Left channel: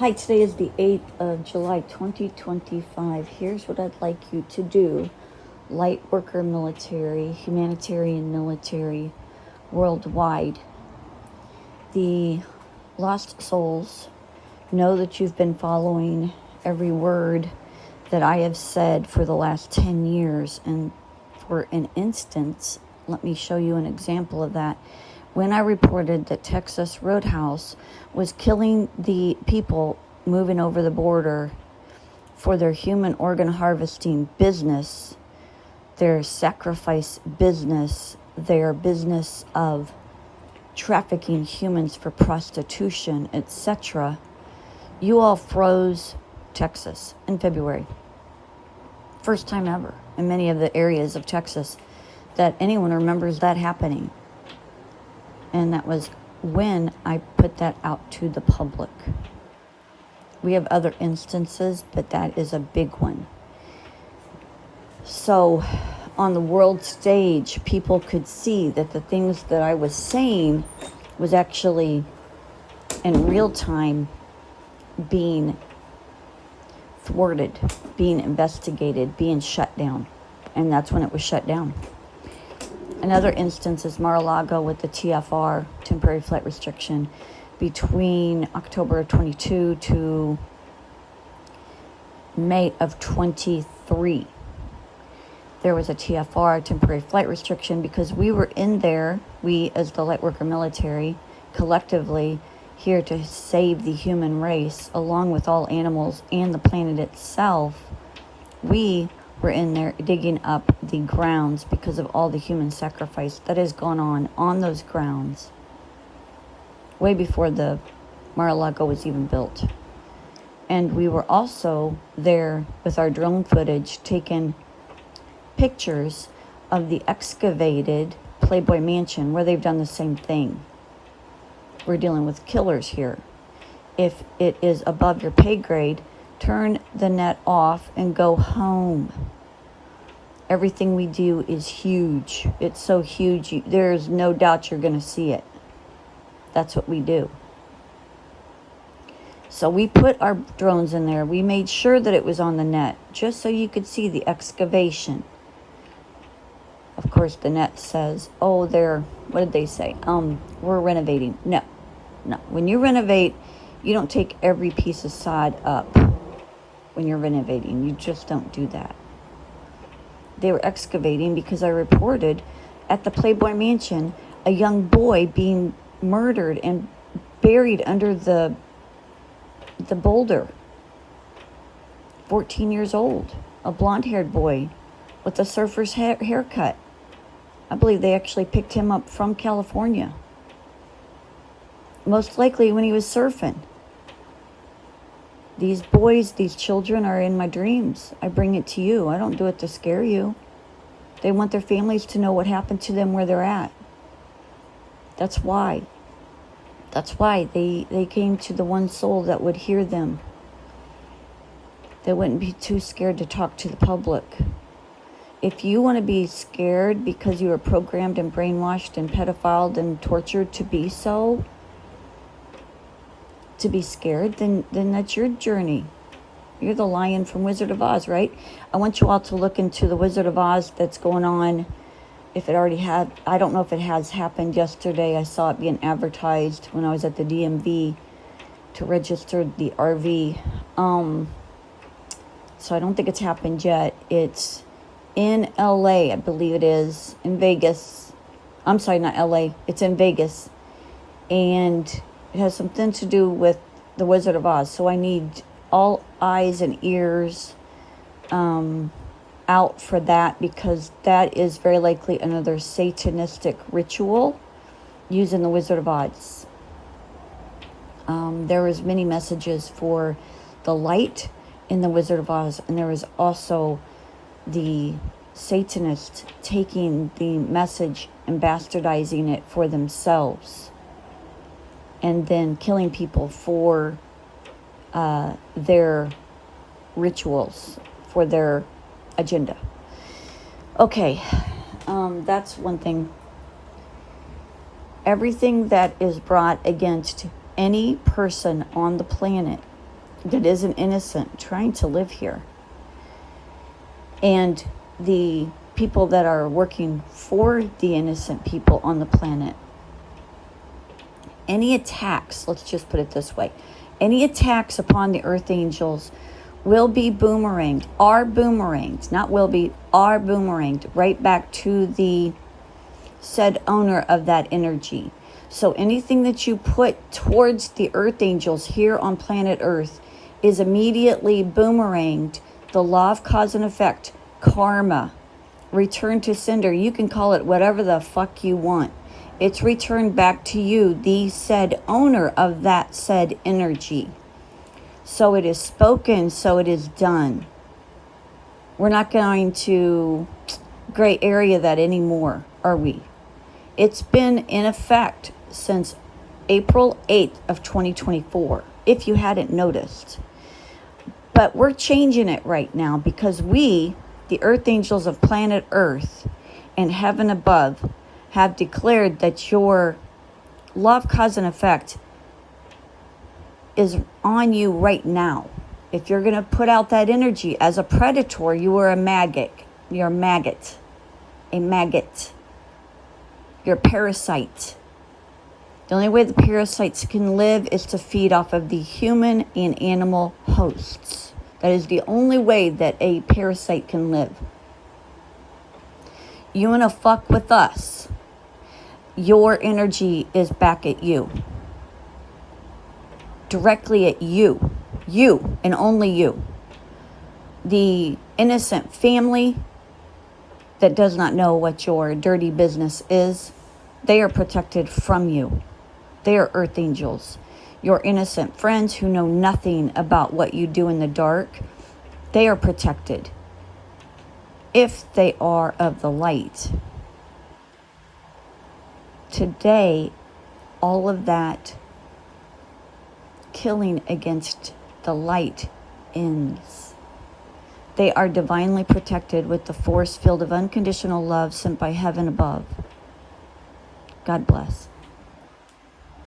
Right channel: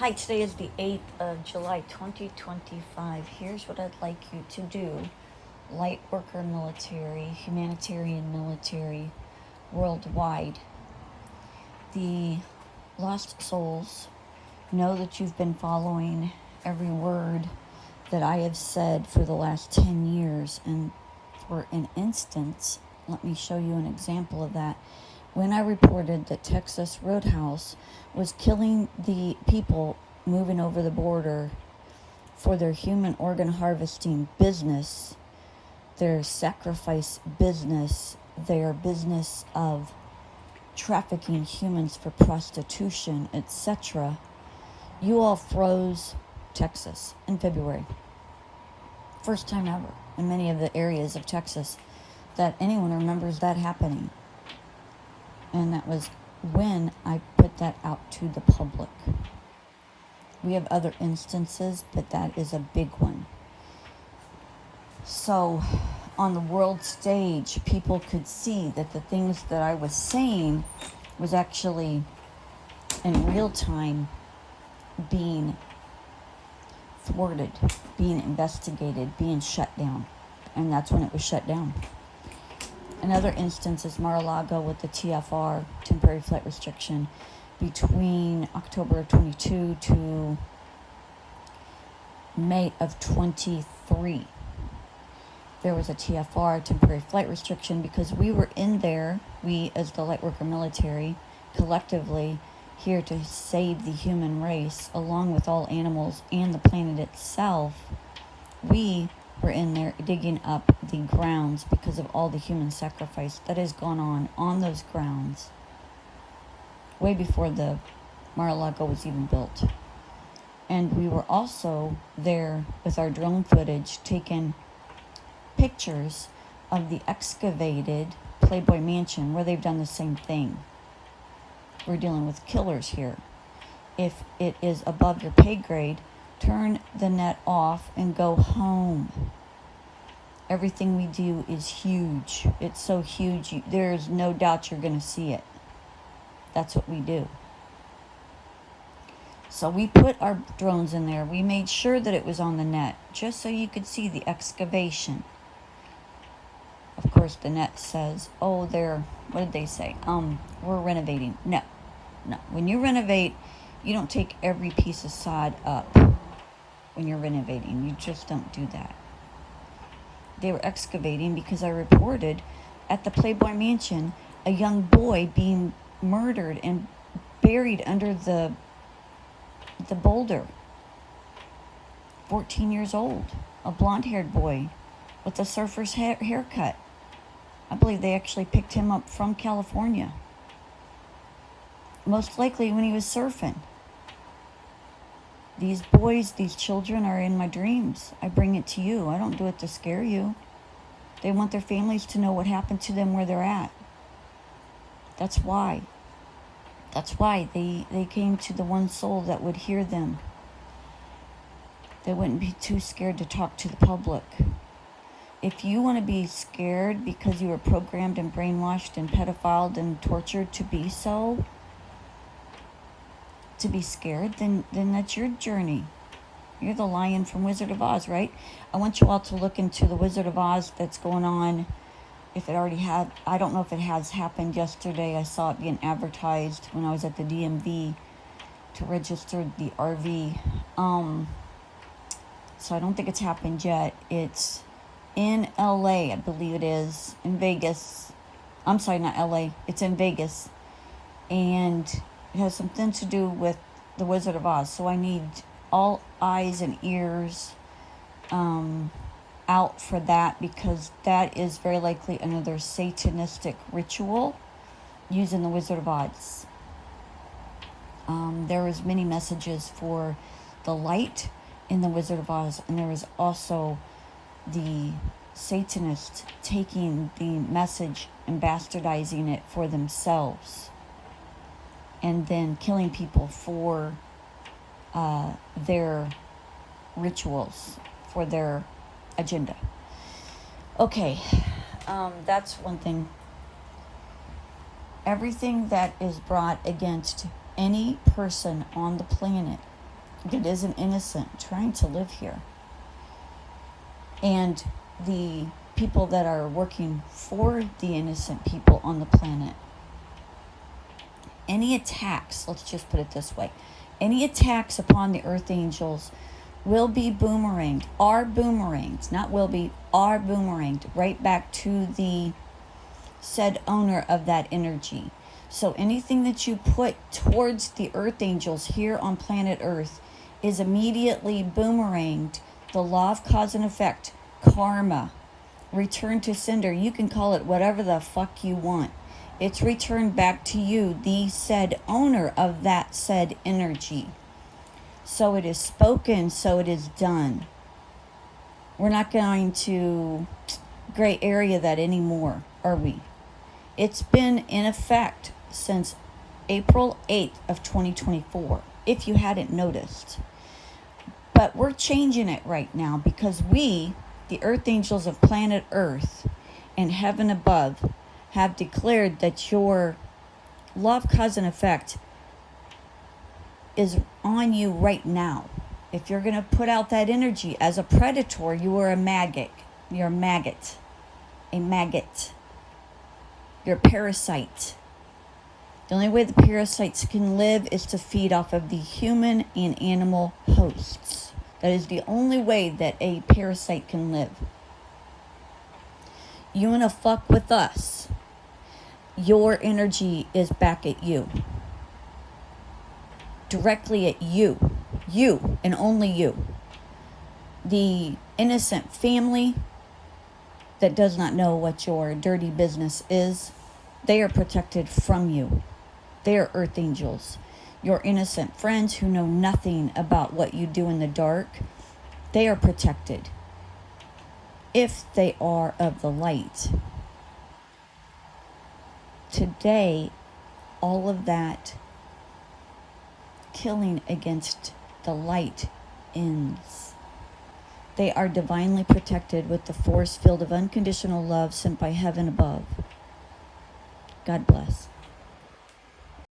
Hi, today is the 8th of July 2025. Here's what I'd like you to do. Light worker military, humanitarian military, worldwide. The lost souls, know that you've been following every word that I have said for the last 10 years. And for an instance, let me show you an example of that. When I reported that Texas Roadhouse was killing the people moving over the border for their human organ harvesting business, their sacrifice business, their business of trafficking humans for prostitution, etc., you all froze Texas in February. First time ever in many of the areas of Texas that anyone remembers that happening. And that was when I put that out to the public. We have other instances, but that is a big one. So on the world stage, people could see that the things that I was saying was actually in real time being thwarted, being investigated, being shut down. And that's when it was shut down. Another instance is Mar-a-Lago with the TFR, temporary flight restriction, between October of 22 to May of 23. There was a TFR, temporary flight restriction, because we were in there, we as the Lightworker military, collectively here to save the human race, along with all animals and the planet itself. We were in there digging up the grounds because of all the human sacrifice that has gone on those grounds way before the Mar-a-Lago was even built. And we were also there with our drone footage taking pictures of the excavated Playboy Mansion, where they've done the same thing. We're dealing with killers here. If it is above your pay grade, turn the net off and go home. Everything we do is huge. It's so huge, there's no doubt you're going to see it. That's what we do. So we put our drones in there. We made sure that it was on the net, just so you could see the excavation. Of course, the net says, oh, what did they say? We're renovating. No. When you renovate, you don't take every piece of sod up. When you're renovating, you just don't do that. They were excavating because I reported at the Playboy Mansion a young boy being murdered and buried under the boulder. 14 years old, a blonde-haired boy with a surfer's haircut. I believe they actually picked him up from California, most likely when he was surfing. These boys, these children are in my dreams. I bring it to you. I don't do it to scare you. They want their families to know what happened to them where they're at. That's why. They came to the one soul that would hear them. They wouldn't be too scared to talk to the public. If you want to be scared because you were programmed and brainwashed and pedophiled and tortured to be so, to be scared, then that's your journey. You're the lion from Wizard of Oz, right? I want you all to look into the Wizard of Oz that's going on. If it already had, I don't know if it has happened yesterday. I saw it being advertised when I was at the DMV to register the RV. So I don't think it's happened yet. It's in LA, I believe it is, in Vegas. I'm sorry, not LA. It's in Vegas. And it has something to do with the Wizard of Oz. So I need all eyes and ears out for that, because that is very likely another satanistic ritual using the Wizard of Oz. There was many messages for the light in the Wizard of Oz, and there was also the Satanists taking the message and bastardizing it for themselves, and then killing people for their rituals, for their agenda. Okay, that's one thing. Everything that is brought against any person on the planet that isn't innocent trying to live here. And the people that are working for the innocent people on the planet. Any attacks, let's just put it this way, any attacks upon the earth angels will be boomeranged, are boomeranged, not will be, are boomeranged right back to the said owner of that energy. So anything that you put towards the earth angels here on planet Earth is immediately boomeranged. The law of cause and effect, karma, return to sender. You can call it whatever the fuck you want. It's returned back to you, the said owner of that said energy. So it is spoken, so it is done. We're not going to gray area that anymore, are we? It's been in effect since April 8th of 2024, if you hadn't noticed. But we're changing it right now because we, the earth angels of planet Earth and heaven above, have declared that your law of cause and effect is on you right now. If you're going to put out that energy as a predator, you are a maggot. You're a maggot. A maggot. You're a parasite. The only way the parasites can live is to feed off of the human and animal hosts. That is the only way that a parasite can live. You want to fuck with us? Your energy is back at you. Directly at you. You and only you. The innocent family that does not know what your dirty business is, they are protected from you. They are earth angels. Your innocent friends who know nothing about what you do in the dark, they are protected. If they are of the light. Today, all of that killing against the light ends. They are divinely protected with the force field of unconditional love sent by heaven above. God bless.